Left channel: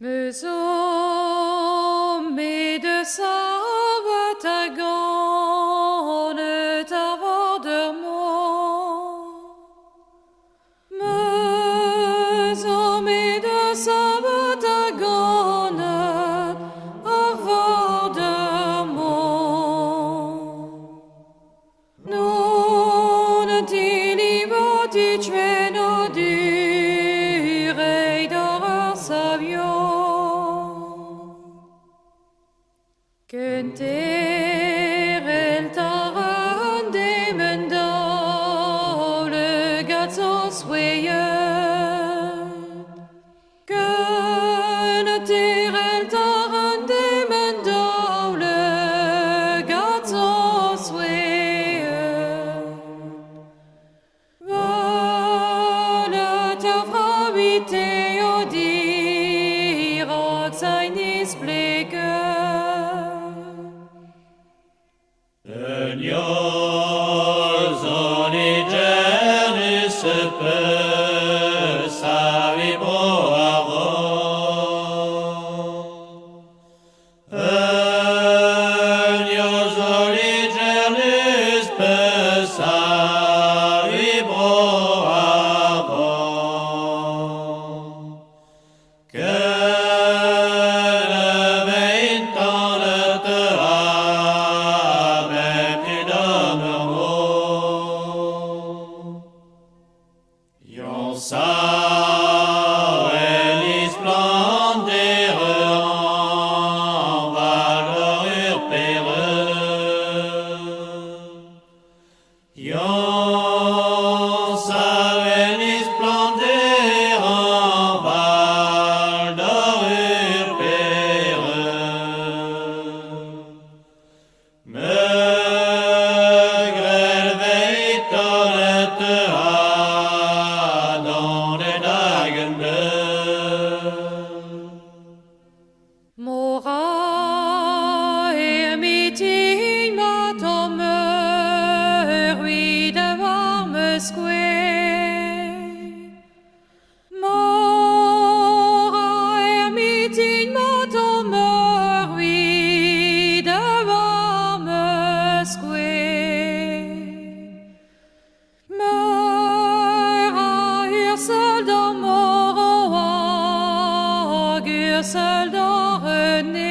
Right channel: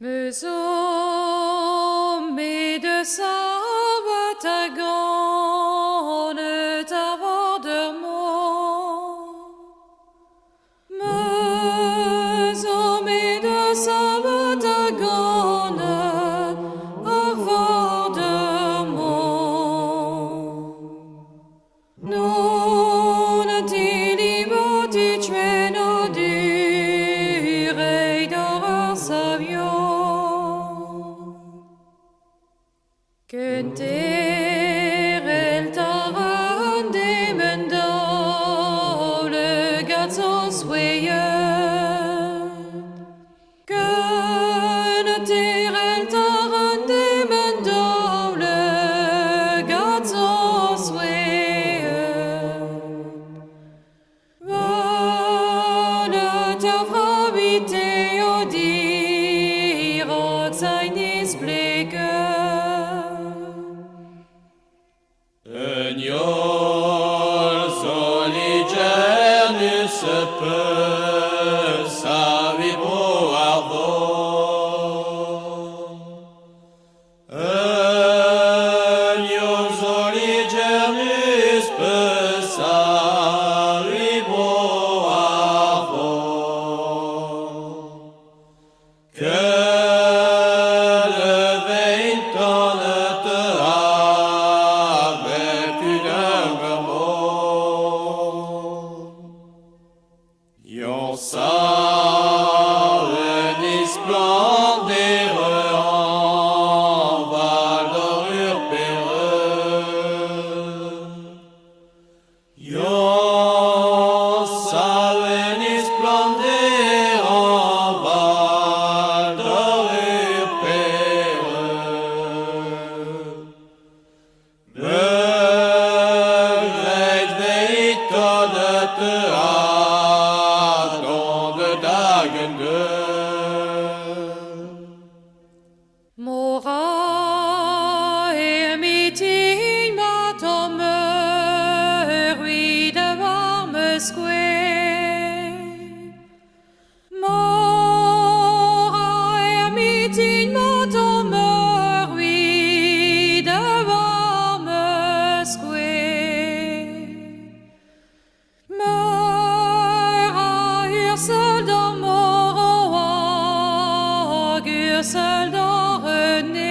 Me sommes de sabbat à gant avoir de moi. Me sommes de sabbat à gant avoir de moi. Non ti libati ceno direi d'or savio. Kunter el taran de mendau le gatzos weyen. Kunter el taran de mendau le gatzos weyen. Vale ta frabite o dir og seinis bleken. Moraer meeting mat om rui de warme square. Moraer meeting mat om rui de warme square. Mera ursel dans moroag, ursel dans René.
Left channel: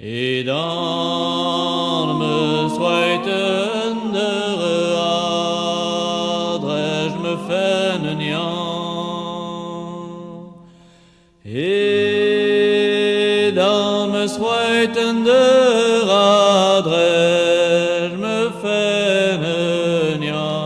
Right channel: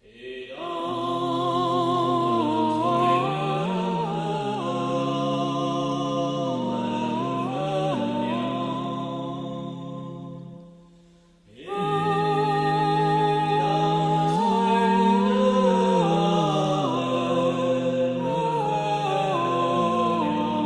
Et dans me zweitende adres me fennenian. Et dans me zweitende adres me fennenian.